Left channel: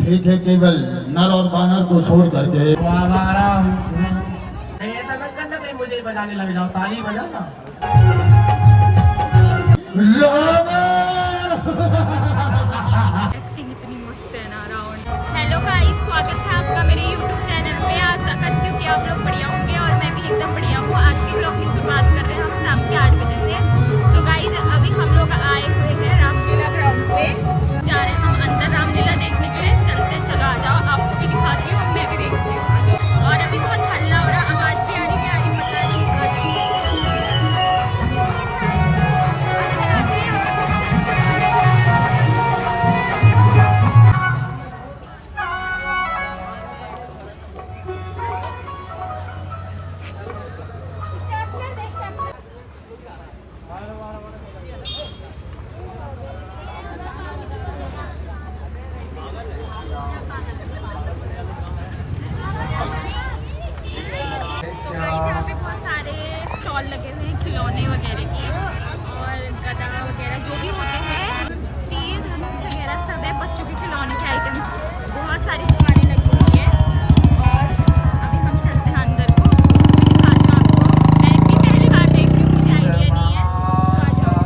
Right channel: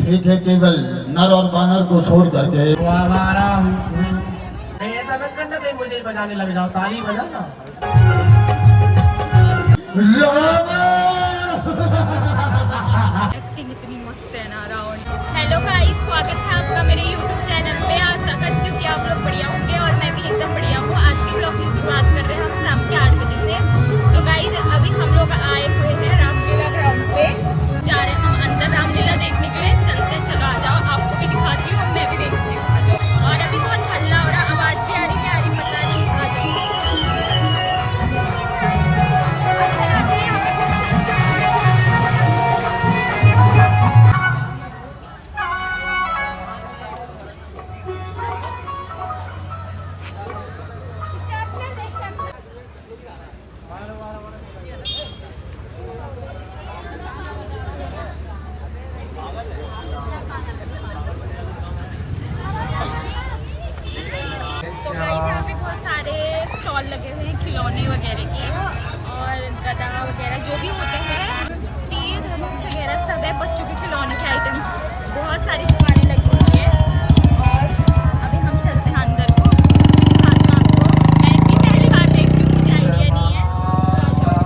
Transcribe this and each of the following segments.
थे केवल नर और वानर को छोड़ करके। ऐसा मत करना कहीं मुझे बजाने लग जाओ, ताली बजाओ ना। एक्टिंग इतनी मस्त है ना रावण। हेलो गाइस, स्वागत है आपका मेरे YouTube चैनल पे। आशा करती हूँ कि आप लोग बढ़िया होंगे और मैं भी एकदम बढ़िया हूँ। आज के ब्लॉग की शुरुआत कर रहे हैं हम शाम के 8 बजे से। तो गाइस अभी हम लोग आए हुए हैं रामलीला ग्राउंड पे, जा रहे हैं हम अंदर रामलीला देखने के लिए। चलते चलो, आ जाओ, आपको भी दिखाती हूँ, मैं भी देखती हूँ, आ जाओ। और अभी बहुत हल्ला हो रहा, आवाज भी आ रही है, पता नहीं, आ जाओ। अंदर आते हैं, यहाँ पे बहुत सारे स्टॉल लगे हुए हैं खिलौने वगैरह के और गदा वगैरह जो भी होते हैं, तीर धनुष वगैरह सब है। बच्चों के खिलौने के आइटम्स, बहुत सारी दुकानें लगी हुई है। और अभी हम चलते हैं अंदर को, दिखाती हूँ आपको। मैं इतनी पहली बार देख रही हूँ, मुझे आइडिया नहीं है। तो आ जाओ,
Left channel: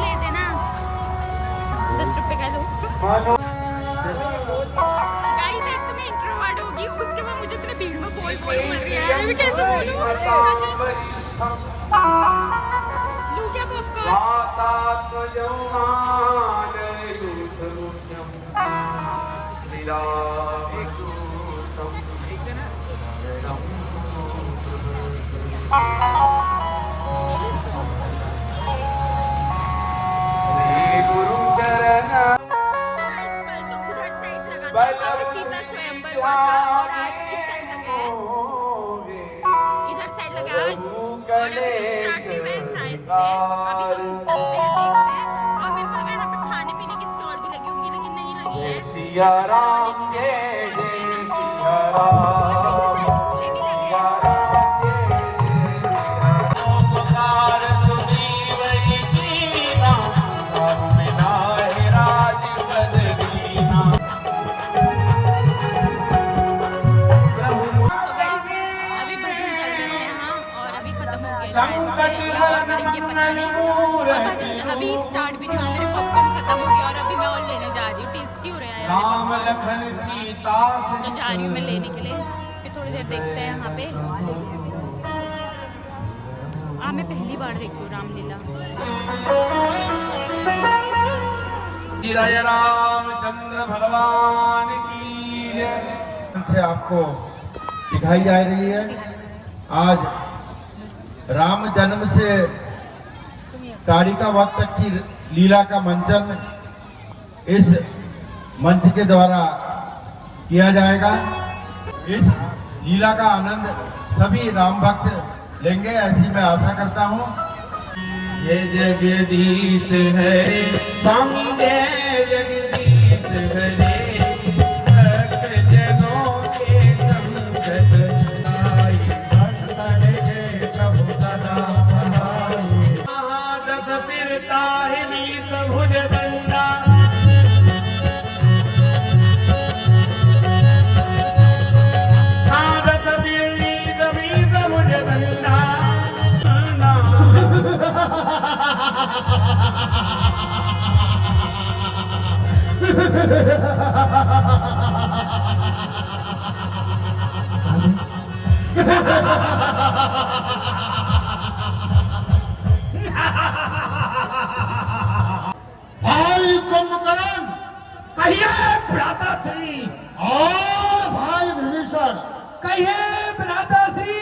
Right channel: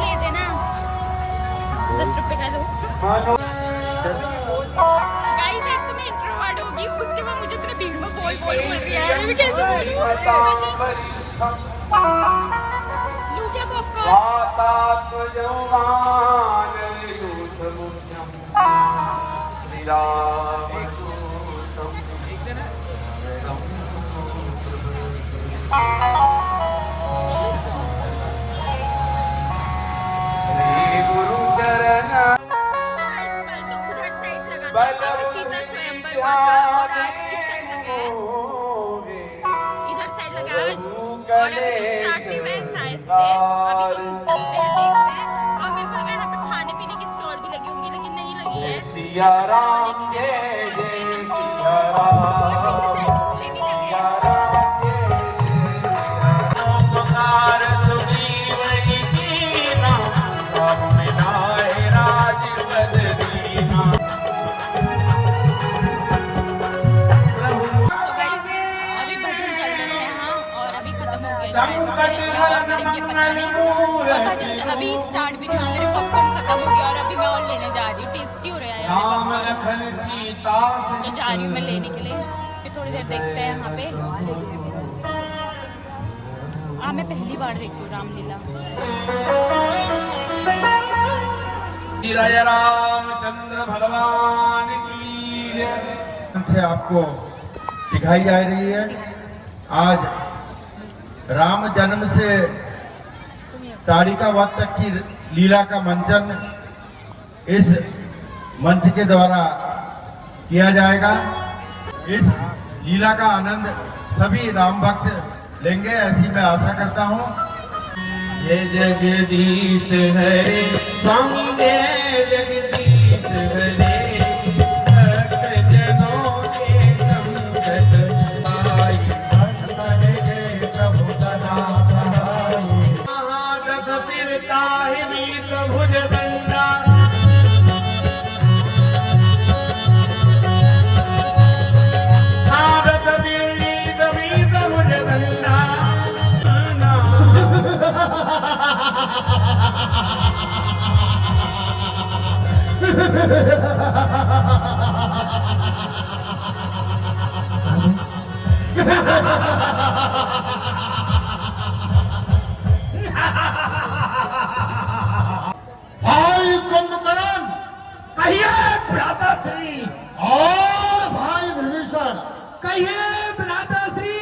ले देना 10 रुपए का लो। गाइस एक तो मैं इंट्रोवर्ट होगी, उसके बाद मुझे इतने भीड़ में बोल रही है, मैं कैसे बोलूं? लूं क्या इधर साइड लगा और अभी स्टार्ट हुआ है शायद से। अभी हम चलते हैं, देखते हैं। और मेरे को लगा यहाँ पे खाने पीने की स्टॉल भी लगी होंगी, लेकिन नहीं लगी है। अभी स्टार्ट भी नहीं हुआ, मेरे पॉपकॉर्न खत्म हो गया और अभी मैं और लेने जा रही हूँ। टेस्टी हो रहा है यार, तो जा रही हूँ मैं लेने के लिए। फिर थोड़ी देर देखते हैं यहाँ पे। मैं पहली बार देख रही हूँ रामलीला। रामचंद्र भगवान की से आपको दिखाई जा रही है। आज राम जन्म से तारिका वक्त तक की लीला का मंचन इस मंच के द्वारा किया जाएगा। इस लीला का आनंद सभी राम भक्त लेंगे, ऐसी मैं आशा करता हूँ। ये जगदीश है स्वामी, जगदीश है भाई कुंभकर्ण कहिए भ्राताश्री, और भाई विभीषण कहिए भ्राताश्री।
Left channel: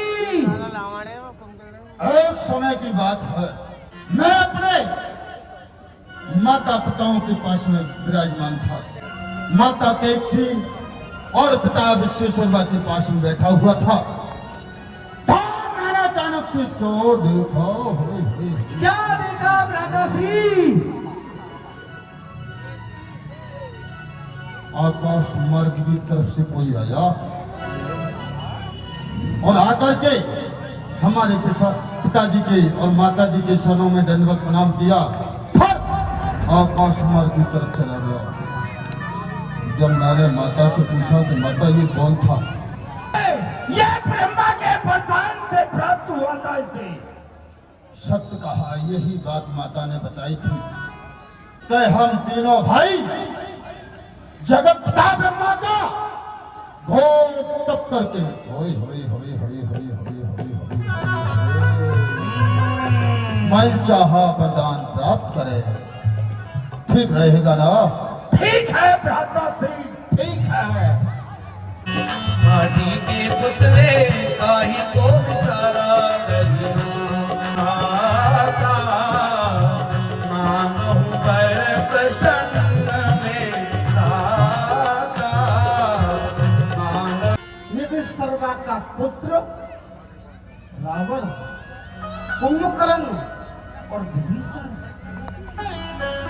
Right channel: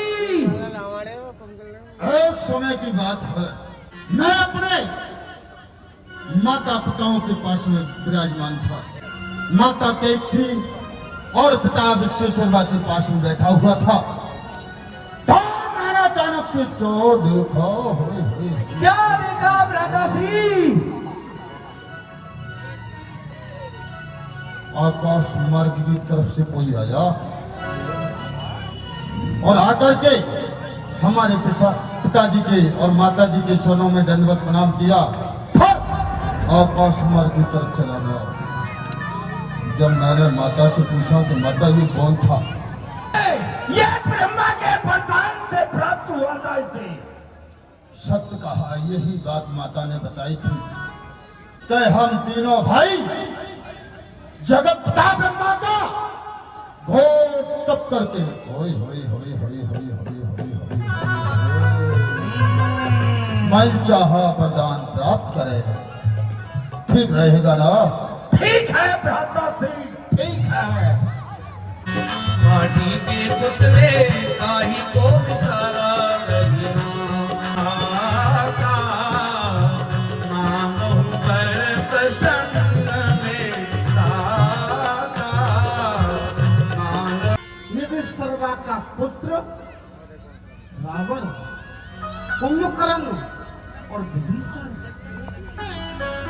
एक समय की बात है, मैं अपने माता पिताओं के पास में विराजमान था। माता कैची और पिता विश्वेश्वर के पास में बैठा हुआ था। मैंने अचानक से क्यों देखा, क्या देखा भ्राताश्री? आकाश मार्ग की तरफ से कोई आया और आकर के हमारे पिताजी के और माता जी के शरणों में दंडवत प्रणाम किया, आकाश मार्ग की तरफ चला गया। जब मैंने माता से पूछा कि माता ये कौन था, ये ब्रह्मा के वरदान से प्राप्त हुआ था इसे। सत्य कहा, यही बात माता ने बताई थी कि हम तीनों भाई जगत पिता ब्रह्मा का घोर तप करके होय होय होय होय होय होय होय मैं चाहा वरदान प्राप्त करे। ठीक रहेगा ना? ठीक है भ्राता श्री, ठीक है। माटी के पुतले काही को सारा माता मानो पर प्रसन्न में दाता यदि सर्वा का पुत्र रावण, कुंभकर्ण और विभीषण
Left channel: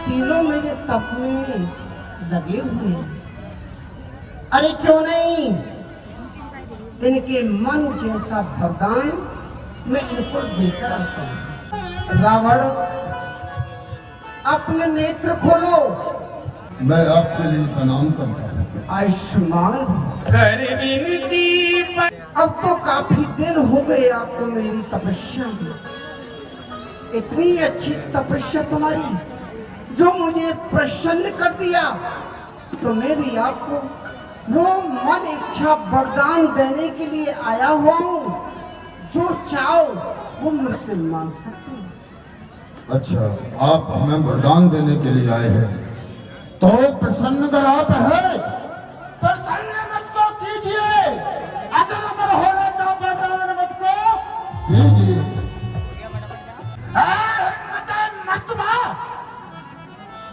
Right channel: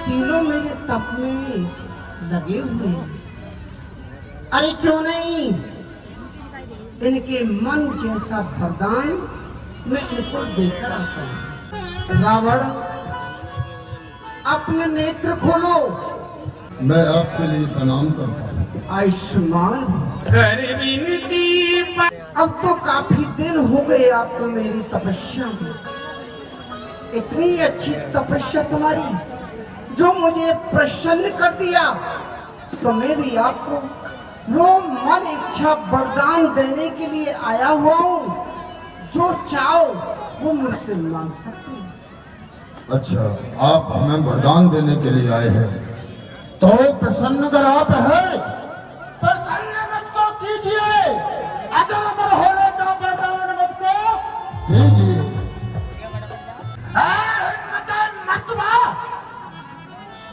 तीनों मेरे तप में लगे हुए हैं। अरे क्यों नहीं, इनके मन जैसा वरदान मैं इनको देकर आता हूँ। रावण, अपने नेत्र खोलो। मैं आपके लिए प्रणाम करता हूँ। आयुष्मान, कर विनती अब तो काफी दिन हो गए आपको मेरी तपस्या में। इतनी अच्छी तपस्या तुम्हारी जो मुझे प्रसन्न कर दिया, तो मैं भी आपको वो मन इच्छा वरदान देने के लिए आया हुआ हूँ। जो चाहो वो मुझसे मांग सकते हो। अच्छा, आप हमें वरदान देने के लिए आए हैं, तो प्रसन्न अगर आप है, प्रसन्न मत को कीजिए, अगर अमर होने का वरदान मत को कीजिए।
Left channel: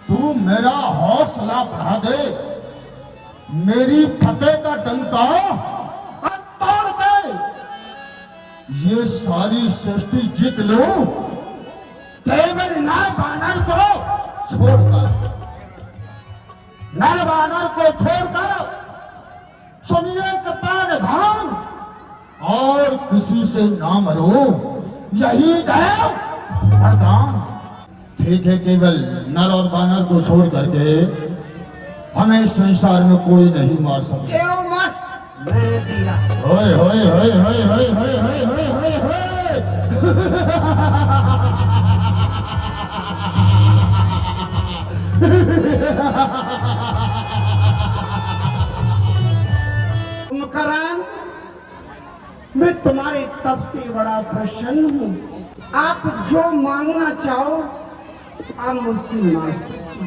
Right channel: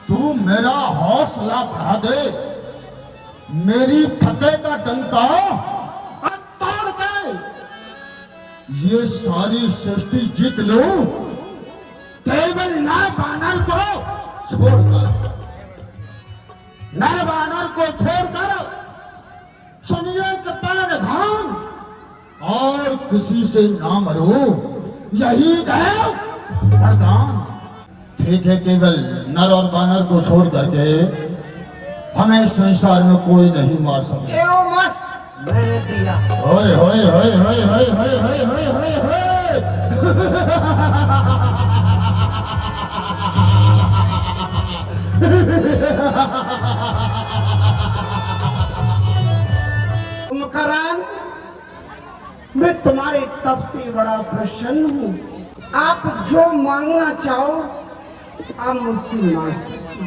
तू मेरा हौसला बढ़ा दे, मेरी फतेह का डंका तोड़ दे, ये सारी सृष्टि जीत लूं, केवल नर बानर को छोड़कर, नर बानर को छोड़कर सुनिए कृपाण धाम, और किसी से ना मरो, यही है वरदान। ठीक है, केवल नर और बानर को छोड़ करके हमें संसार में कोई नहीं मार सकता। एओ मस्त मैंने दिया। होय होय होय होय होय होय होय होय होय होय। कुंभकर्ण, मैं तुम्हारे तप से बड़ा प्रसन्न हूँ। आप जो मांगना चाहो आप मुझसे मांग सकते हो।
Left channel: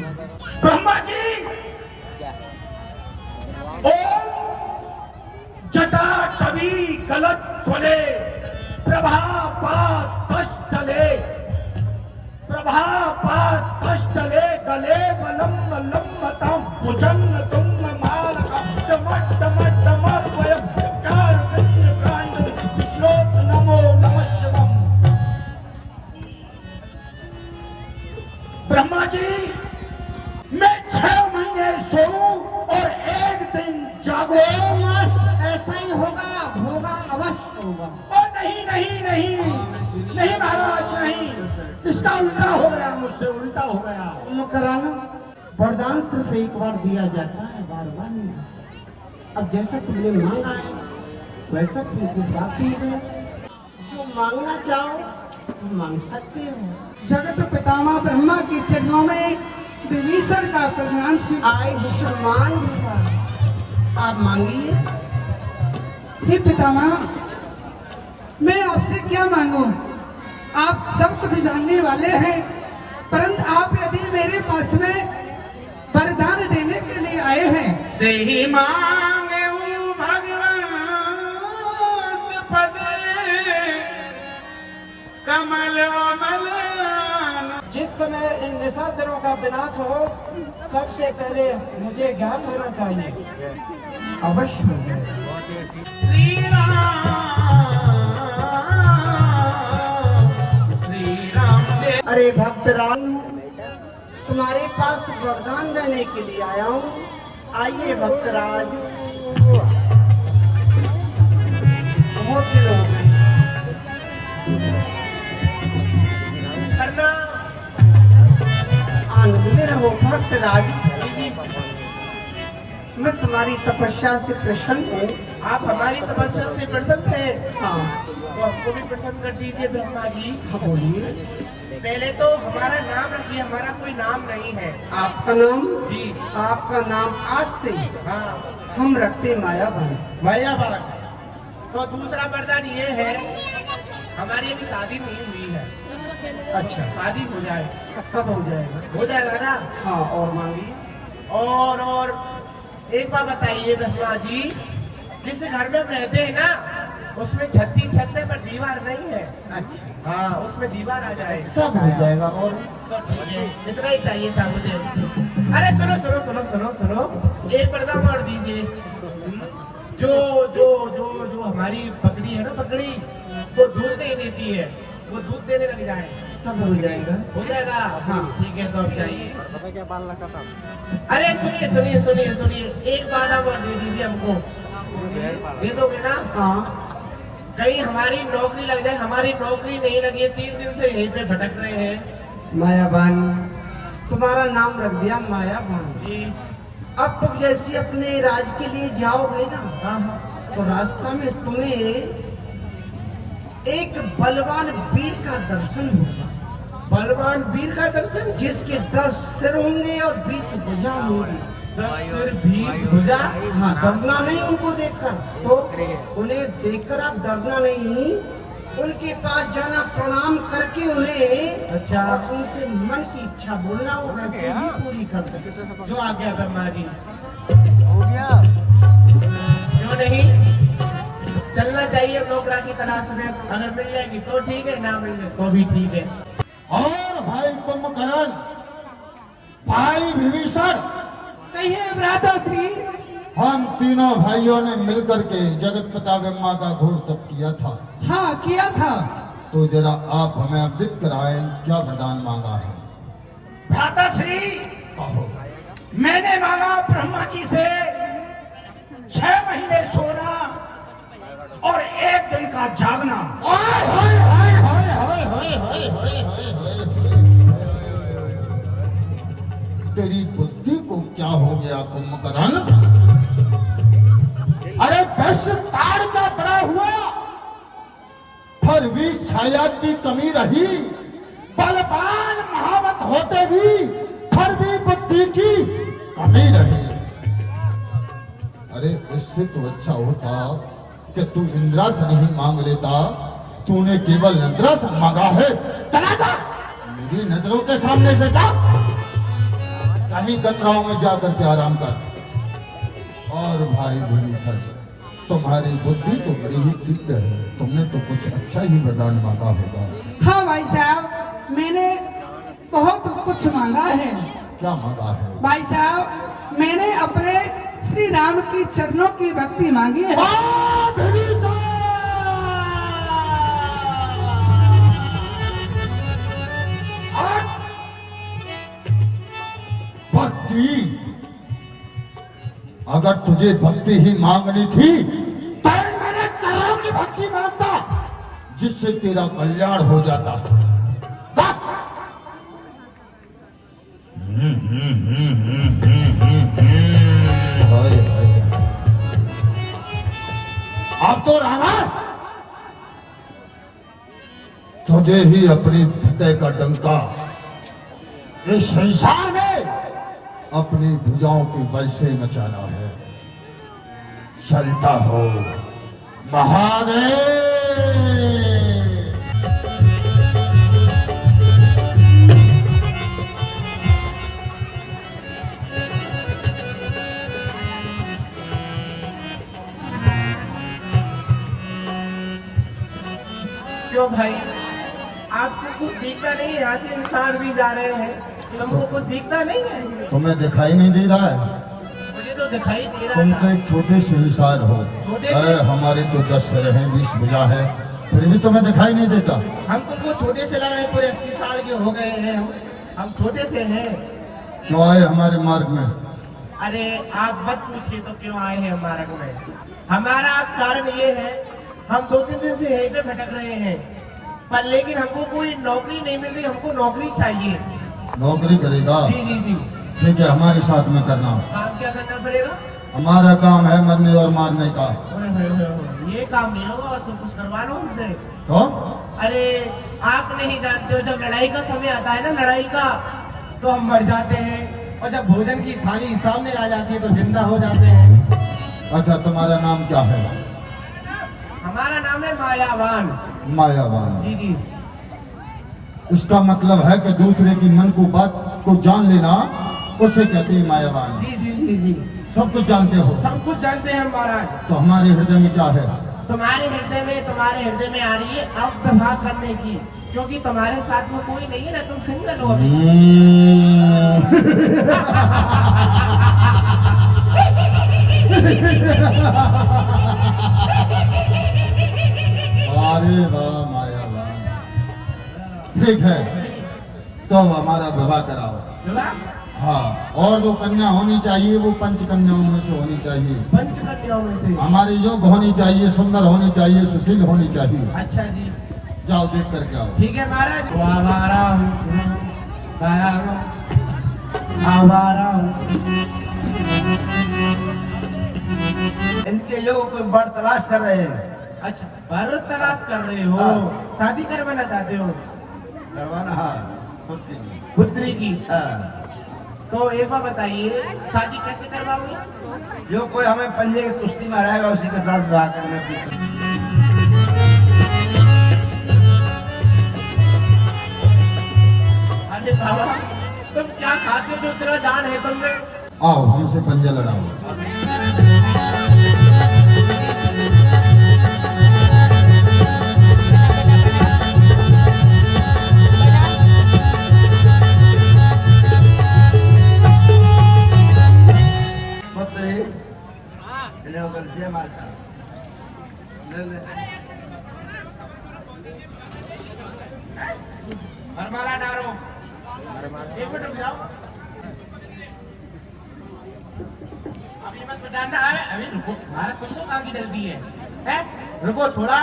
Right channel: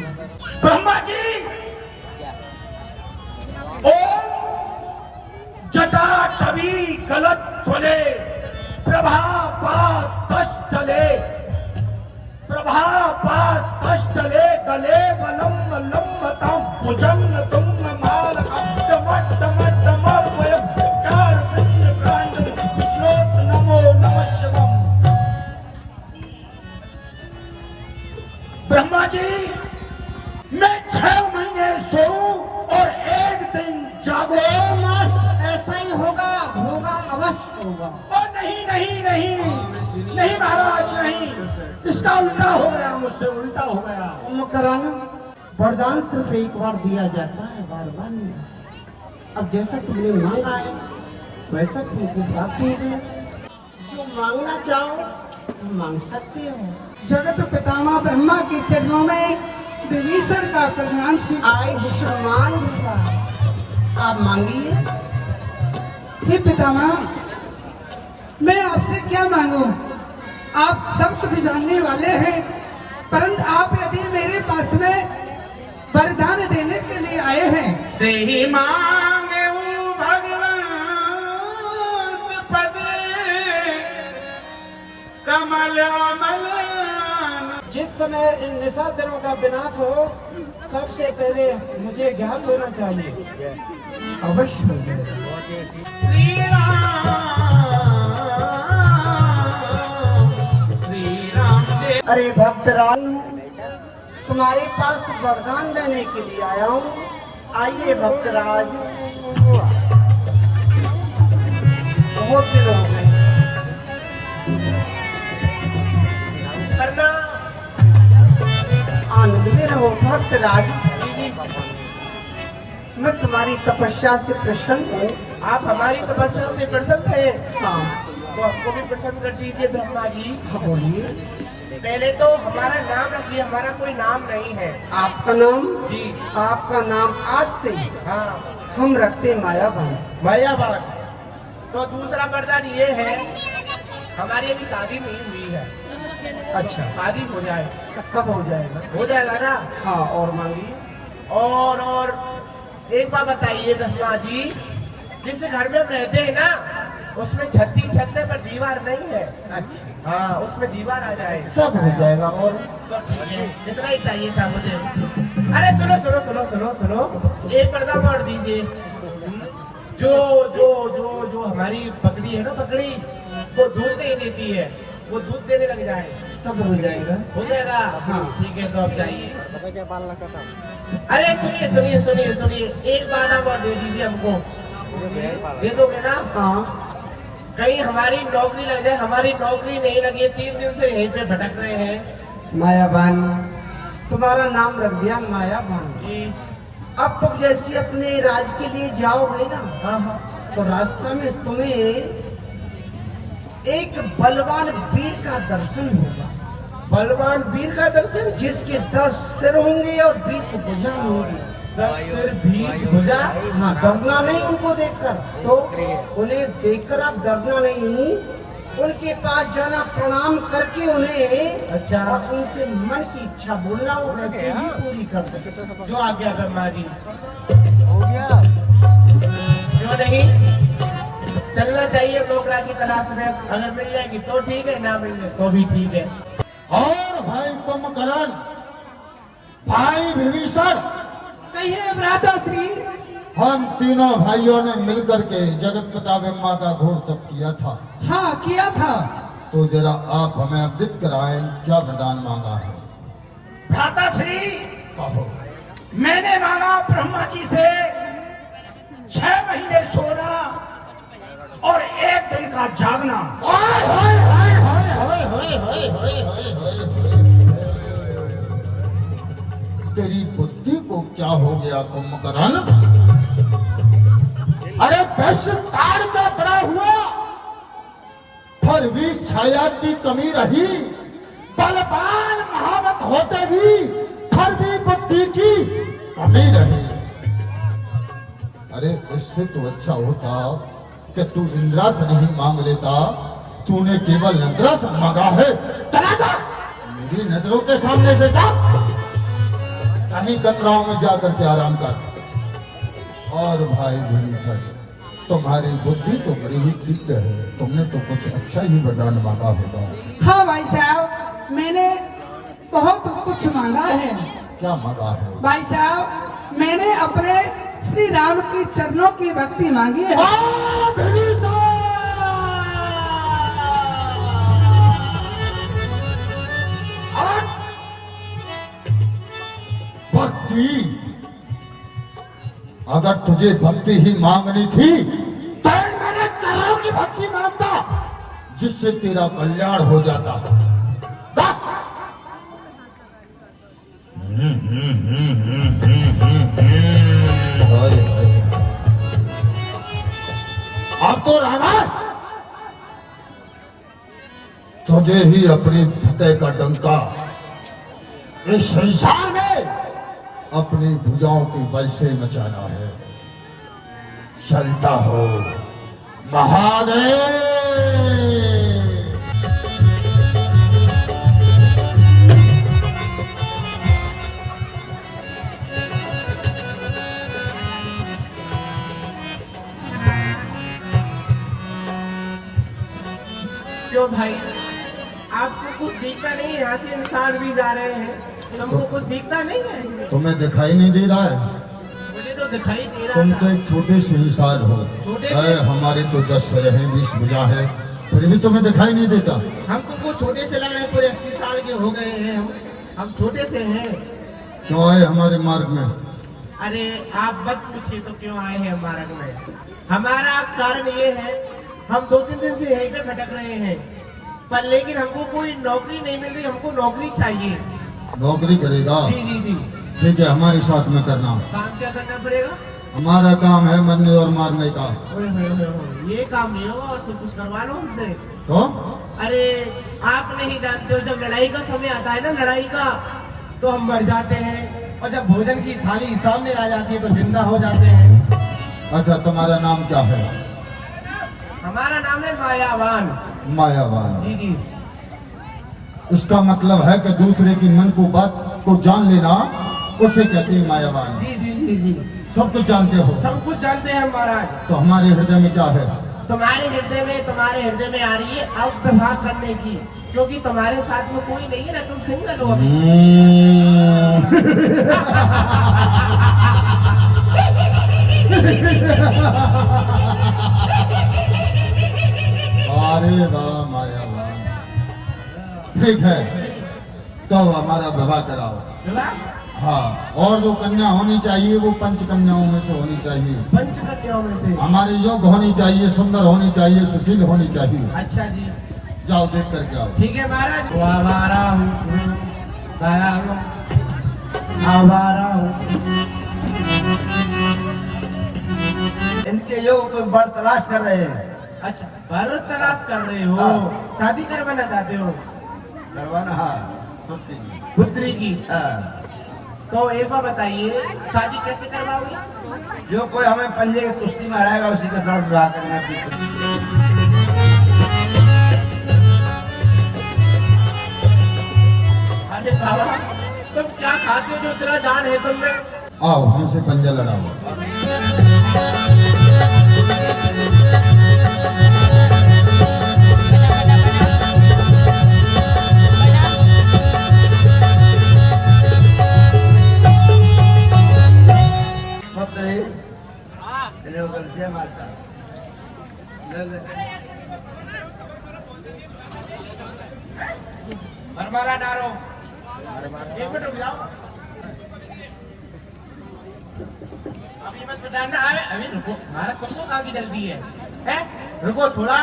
ब्रह्मा जी, ओम जटा टवी गलत चले, प्रभा पात पश्चले, प्रभा पात पश्चले, गले मलम मलम मतम भुजंग तुंग माल अब्द मट्ट मट्ट मर्वय कार विष्णु कांड श्लोक नमो नमः शिवम। ब्रह्मा जी, मैं 6 महीने सोऊं और एक दिन जागो। ऐसा ही होगा, होगा, अवश्य होगा। नहीं नहीं नहीं नहीं महाराज, नहीं, इसका उल्टा हो गया, मुझसे उल्टा हो गया। कुंभकर्ण, वरदान सिर्फ एक बार दिया जाता है, बार बार नहीं। अब जैसा तुमने मांगा है वैसा तुमको प्राप्त हो गया। जो मांगना चाहो मांग सकते हो। जगत पितामह ब्रह्मा के चरणों में विभीषण का कल्याण आयुष्मान आप मांगिए। हे पितामह, मैं आपसे क्या मांगूं? आप सब कुछ जानने वाले हैं, परंतु आप यदि मेरे पास में वरदान देने के लिए आए हैं, देहि मांगे भगवान पद कमल अमल। जिस समय इन निशाचरों का विनाश हो, सबसे पहले मुझे ज्ञान होना चाहिए। अवश्य होगा। श्री राम अरे भक्तराज, तुम्हारे पास वरदान देने के लिए आया हूँ। आइए भक्तराज। बहुत दिन हो गए। करना आनंद में रहो भक्तराज। मैं तुम्हारी तपस्या से प्रसन्न हूँ। आप हमारी तपस्या से प्रसन्न हैं, हाँ तो हमको भी प्रसन्न कर दीजिए ब्रह्मा जी। हाँ, बोलिए। पहले तो हमारा नाम रखिए, हमारा कोई नाम नहीं है। आपका नाम? जी। आपका नाम आज से हाँ, हम रखते मायावान। मायावान। तो दूसरा वरदान ये है, हमारी अभी शादी नहीं हुई है। अच्छा, शादी हो जाए, सब हो जाएगा। हो जाएगा ना? हाँ, और मांगिए। और एक बात बताइए ब्रह्मा जी, जिस घर में हम रहते हैं ना, उसमें छत्ती छतने पर दीवार नहीं है। अच्छा, हाँ, उसमें दीवार आ जाए, सब हो जाएगा। और तो ठीक है, इतना ही चाहिए था मुझे। अरे सुनो सुनो सुनो सुनो सुनो, एक पर्दा और दीजिए। जो जो जो जो हमारी पकड़ी है ना, पकड़ी वो दूध नहीं देती है, वो दूध देने लग जाए, सब हो जाएगा। हो जाएगा? हाँ। ठीक है, तो अब चाहिए। अरे सुनिए सुनिए सुनिए सुनिए, एक पर्दा और दे दीजिए हमको, दे दोगे ना? हाँ, कहीं हमारी नौकरी लग जाए। हमारी नौकरी नहीं लगी है, 3 दिन से यहीं पे भटक रहे हैं। मायावान, तुम्हारा नाम रख दिया मायावान। जी। अब तुम जैसे अपने राज के लिए जाओगे ना, हाँ हाँ। तो रास्ता में तुम्हें एक बलवान वीर का दर्शन होगा। बलवान वीर का दर्शन? जिसके 10 सिर होंगे और 20 भुजा होंगी। 10 सिर 20 भुजा? हाँ, डरना नहीं उनको देखकर। तो उन्हें देखकर आप डरना नहीं, उनके पास जाना, प्रणाम करके उन्हें, अच्छा। और उनसे मन की इच्छा बोलना, वो वैसे ही पूरी कर दे। जो आ गया ब्रह्मा जी। हो गया। क्यों नहीं? चलना चाहिए नौकरा की तलाश में, अगर मिल जाएगी तो ठीक है, ना मिल जाए तो भी ठीक है। और भाई कुंभकर्ण, भाई विभीषण, कहिए भ्राताश्री। हम तीनों भाइयों ने मिलकर के जगत पिता ब्रह्मा का घोर तप किया था। हाँ, किया था। तो जरा आप हमें अवगत कराएं, क्या वरदान मांगा है? भ्राताश्री, कहो। मैंने मांगा ब्रह्मा जी से 6 महीने सोना और 1 दिन का जागना। हाय हाय हाय हाय हाय हाय हाय हाय हाय हाय। तेरी बुद्धि को क्या हो गया कुंभकर्ण? अरे 10 तार का बड़ा हुआ, फिर भी छाया की कमी रही। बलवान महावत होते भी फिर भी बुद्धि की कमी रही। अरे इससे तो अच्छा होता कि तू इंद्रासन ही मांग लेता। तूने केवल इंद्रासन मांगा है। चला जा मेरी नजरों के सामने से, जा कहीं गंगाओं में जाकर के आराम कर। और भाई विभीषण, तुम्हारी बुद्धि तो बड़ी ही तीव्र है, तुमने तो कुछ अच्छा ही वरदान मांगा होगा। हाँ भाई साहब, मैंने बहुत कुछ मांगा है। क्या मांगा है? भाई साहब, मैंने अपने श्री राम की चरणों की भक्ति मांगी है। भक्ति? अगर तुझे भक्ति ही मांगनी थी तो मेरे चरणों की भक्ति मांगता, जिससे तेरा कल्याण हो जाता। हाय हाय। अब तो राणा तुझे ही अपनी फतेह का डंका इस संसार में अपनी भुजाओं के बल से मचाना है। चलता हो महादेव। क्यों भाई, आपको कुछ दिखता नहीं? यहाँ से इंसान भी जा रहे हैं, हमको कुछ दिखता नहीं है। तुम्हें दिखाई नहीं दे रहा है? मुझे तो दिखाई दे रहा तुम था। तो एक छोटे से इंसान हो। छोटे से? अरे हमारे तो 10 सिर है, 20 भुजा है, फिर भी तुम्हें दिखाई नहीं देता। हमको वो छोटे से लग रहा है, पूरे 80 साल के हो गए हैं हम छोटे से हैं। क्यों आए हमारे मार्ग में? अरे आप मत पूछिए तो क्यों आए हैं हमारे में। हमारा कारण ये है हम 2-3 दिन से यहीं पे भटक रहे हैं, पर लेकिन हमको कोई नौकरी नहीं मिल रही, हमको नौकरी चाहिए। नौकरी करेगा? जी जी जी। ठीक है, हमारे साथ में करना। काम क्या करना पड़ेगा? हमारा काम है मरने और मारने का। ये काम नहीं होगा, सब कुछ करवा लो हमसे। तो अरे आप नहीं जानते हो, जब लड़ाई का समय आता है ना, लड़ाई का, तो हम मर जाते हैं, और जब भोजन की थाली सामने आ जाती है तो जिंदा हो जाते हैं। अच्छा, तुम्हारा नाम क्या है? हमारा नाम है मायावान। मायावान। जी जी। इसका मतलब है कि दूसरे की मन को बात को जान लेना, उसे कहते हैं मायावान। जी जी जी जी। सब कुछ जानते हो? सब कुछ जानते हैं महाराज। तो हमारे हृदय में क्या है? तुम्हारे हृदय में आ रही है अब दफा करने की, क्योंकि तुम्हारे साथ में कोई नहीं है ना, तुम सिंगल हो अभी। अरे वाह मायावान, ठीक है, तो हमारा विवाह कराओ। हाँ, और जो कन्या होनी चाहिए वो पंच कन्याओं में से होनी चाहिए। पंच कन्याओं में से? हमारे योग्य होनी चाहिए, सुंदर होनी चाहिए, सुशील होनी चाहिए। अच्छा जी। जाओ देख करके आओ। ठीक है महाराज। इनके योग को बर तलाश कर रहे हैं। अच्छा, बर तलाश कर रहे हो? शादी करवाना चाहते हो? करवाना? हाँ, पुत्री की। हाँ। तो एक बार बताइए, शादी कैसे करवाओगे? जो कोई हमें पंजे की कुश्ती में हराएगा उसी के साथ विवाह करने की। अरे बाबा, तुम क्या खाते हो जो तेरा जान है तुम में? आओ हमसे पंजा लड़ाओ। हमारा नारो एक मिनट रुक जाओ, अभी मत बताना। अरे रुको, हमारा तुमको कहाँ की जल्दी है, हैं? रुको थोड़ा।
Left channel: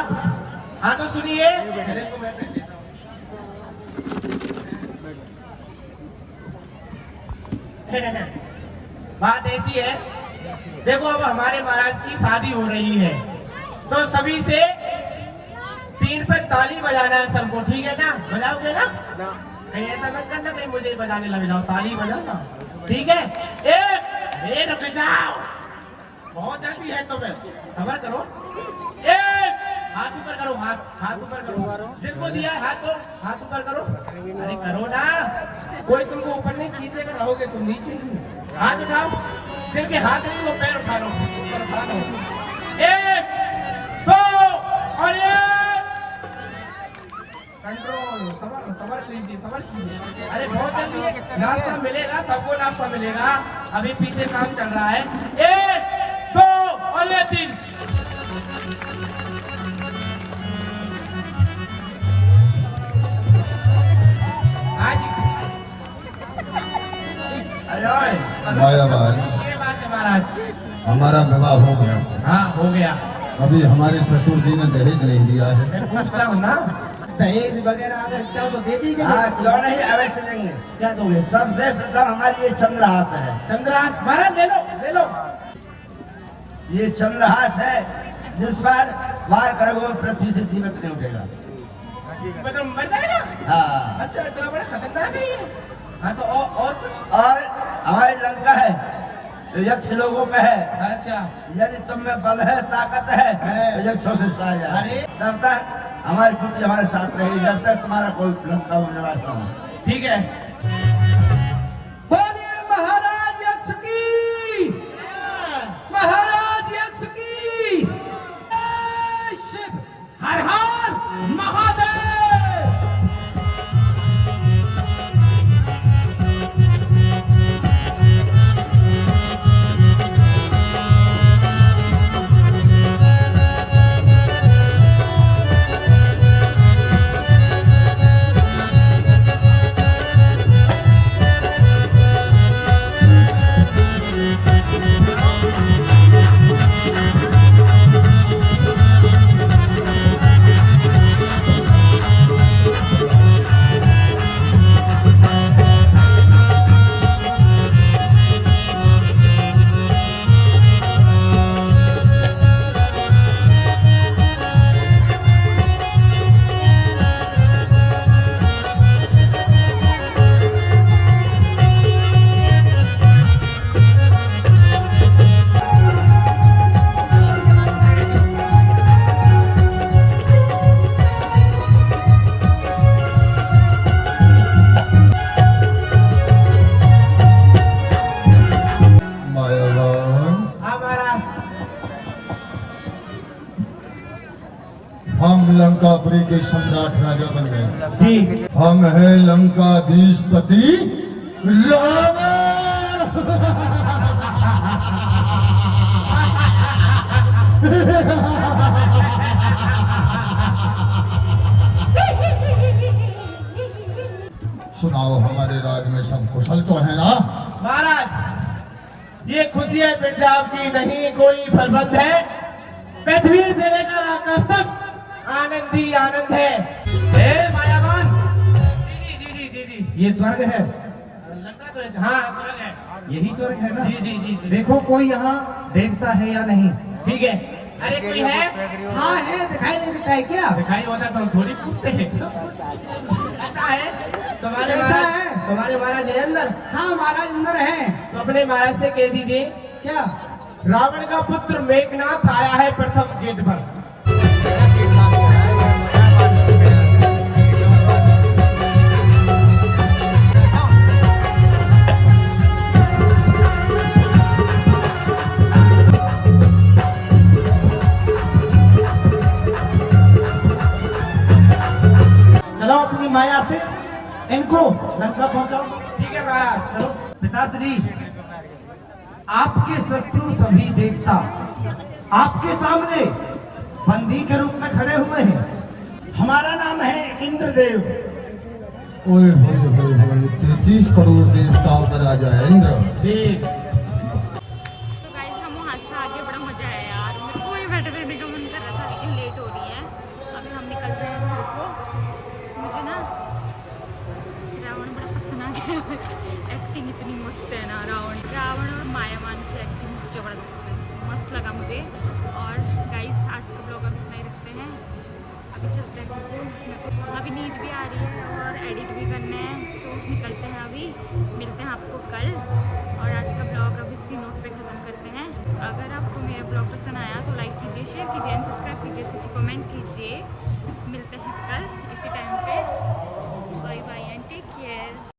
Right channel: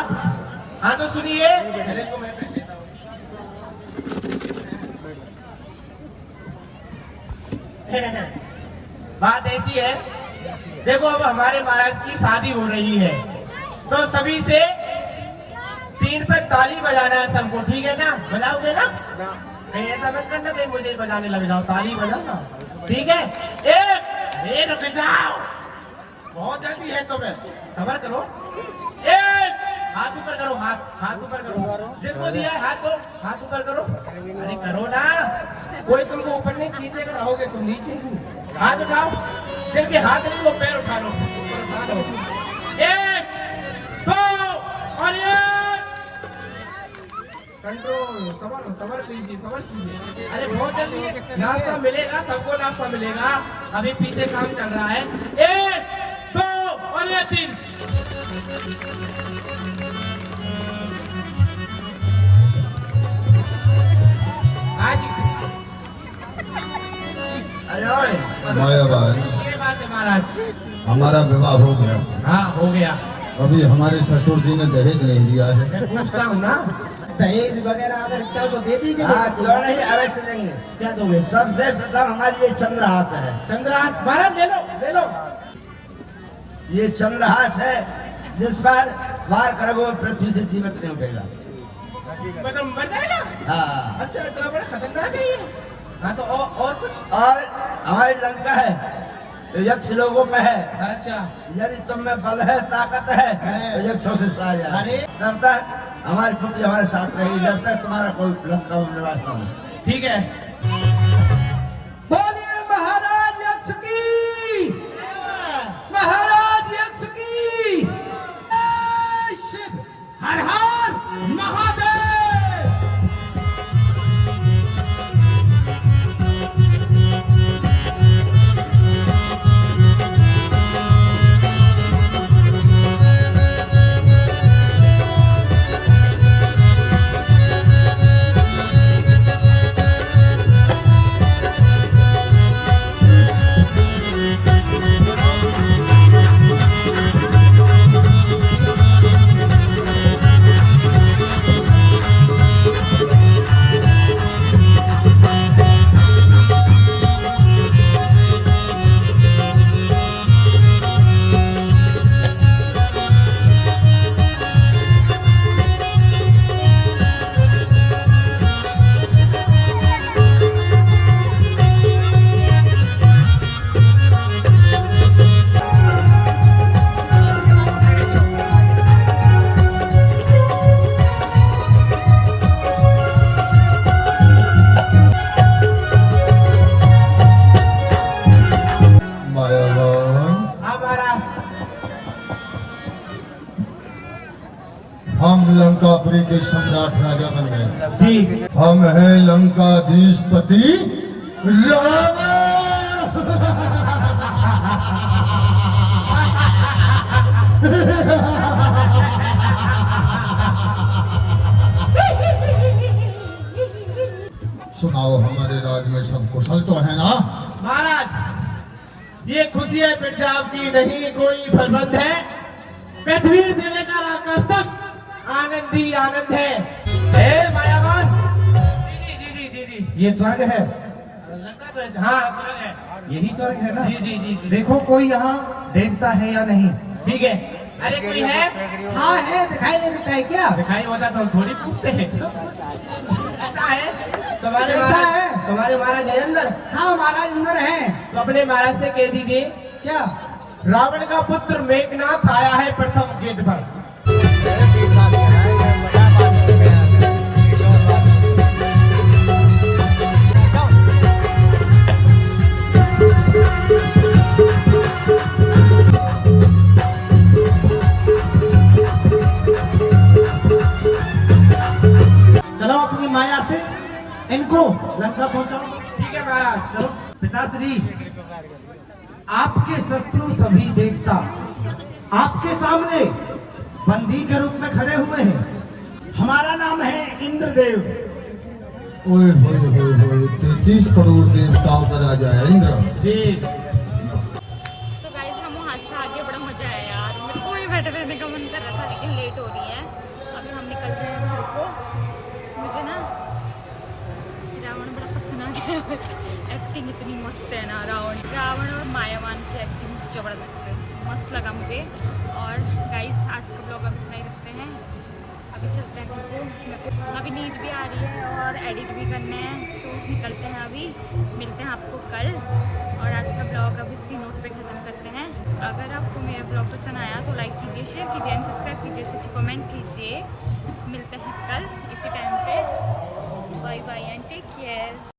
हाँ तो सुनिए, पहले इसको मैं पहन लेता हूँ। बात ऐसी है, देखो अब हमारे महाराज की शादी हो रही है, तो सभी से 3 पे ताली बजाना है सबको, ठीक है ना? बजाओगे ना? कहीं ऐसा मत करना कहीं मुझे बजाने लग जाओ, ताली बजाना, ठीक है? एक रुक जाओ, बहुत जल्दी है तुम्हें, सब्र करो। एक हाथ ऊपर करो, हाथ ऊपर करो, जिनको दिया है हाथ ऊपर करो। अरे करो ना, कोई तुमको ऊपर नहीं खींचेगा, रहोगे तुम नीचे ही। हाथ उठाओ, देखिए हाथ उठो, पैर उठा लो, एक दो और कंट्रोल। सबर कीजिए। अरे बहुत जल्दी है, नाश्ता मिलेगा, सबको नाश्ता मिलेगा, अभी पीछे काम चल रहा है। 1 2 और 3। वाह भाई, महाराज हमारा विवाह हो गया। हाँ हो गया। अभी हमारे ससुर जी ने दहेज नहीं दिया है। मैं पूछता हूँ ना, दहेज वगैरह अगर इच्छा तो दे दीजिए। हाँ, क्यों नहीं, अवश्य देंगे। क्या दोगे? सबसे प्रथम हमारी ये चंद्रहास है। चंद्रहास महाराज ले लो। ये चंद्रहास है, जिस पर वार करोगे पृथ्वी से जीवित नहीं उठेगा। मतलब मर जाएगा? हाँ। अच्छा, तो बड़ा खतरनाक है ये। हाँ तो और कुछ? और हमारी लंका है, तो यक्ष लोगों में है। अच्छा, यदि तुम में बल है, ताकत है, तो यक्षों से पाया जाए। अरे! तब तक हमारी पुत्री हमारे साथ रहेगी, जब तक तुम्हारा कोई लंका में निवास न हो। ठीक है। बोलिए महाराज यक्ष की, महाराज यक्ष की। हर हर महादेव। हम लंकापुरी के सम्राट राजा बन गए। जी हम हैं लंकाधीशपति रावण। सुनाओ, हमारे राज में सब कुशल तो है ना? महाराज, ये खुशी है पंजाब की नहीं कोई प्रबंध है। पृथ्वी से लेकर आकाश तक आनंद ही आनंद है। मायावान, जी ये स्वर्ग है। लगता तो ऐसा- हाँ स्वर्ग है। यही स्वर्ग है ना? जी। देखो कोई यहाँ देवता है या नहीं? ठीक है। अरे कोई है? हाँ है, दिखाई नहीं देता है क्या? दिखाई होता तो हम थोड़ी पूछते हैं। ऐसा है? तुम्हारे ऐसा महाराज- है। तुम्हारे महाराज है अंदर? हाँ महाराज अंदर है। तो अपने महाराज से कह दीजिए, क्या? रावण का पुत्र मेघनाथ आया है प्रथम गेट पर। चलो अपनी माया से इनको लंका पहुंचाओ। ठीक है महाराज। चलो। पिताश्री, आपके शत्रु सभी देवता आपके सामने बंदी के रूप में खड़े हुए हैं। हमारा नाम है इंद्रदेव। ओए होए 33 करोड़ देवताओं का राजा है इंद्र। जी सो गाइस हम वहाँ से आगे, बड़ा मजा आया यार। मेरे को ही बैठे रहने का मन कर रहा था, लेकिन लेट हो रही है। अभी हम निकल रहे हैं घर को। मुझे ना रावण बड़ा पसंद आ गया। एक्टिंग इतनी मस्त है ना रावण और मायावान की एक्टिंग जबरदस्त है, मस्त लगा मुझे। और गाइस आज का ब्लॉग अब इतना ही रखते हैं। अभी चलते हैं घर को। मेरे को अभी नींद भी आ रही है और एडिट भी करना है। सो निकलते हैं अभी, मिलते हैं आपको कल। और आज का ब्लॉग अब इसी नोट पे ख़त्म करते हैं। अगर आपको मेरा ब्लॉग पसंद आया तो लाइक कीजिए, शेयर कीजिए एंड सब्सक्राइब कीजिए, अच्छी कमेंट कीजिए। मिलते हैं कल इसी टाइम पे। Bye bye and take care.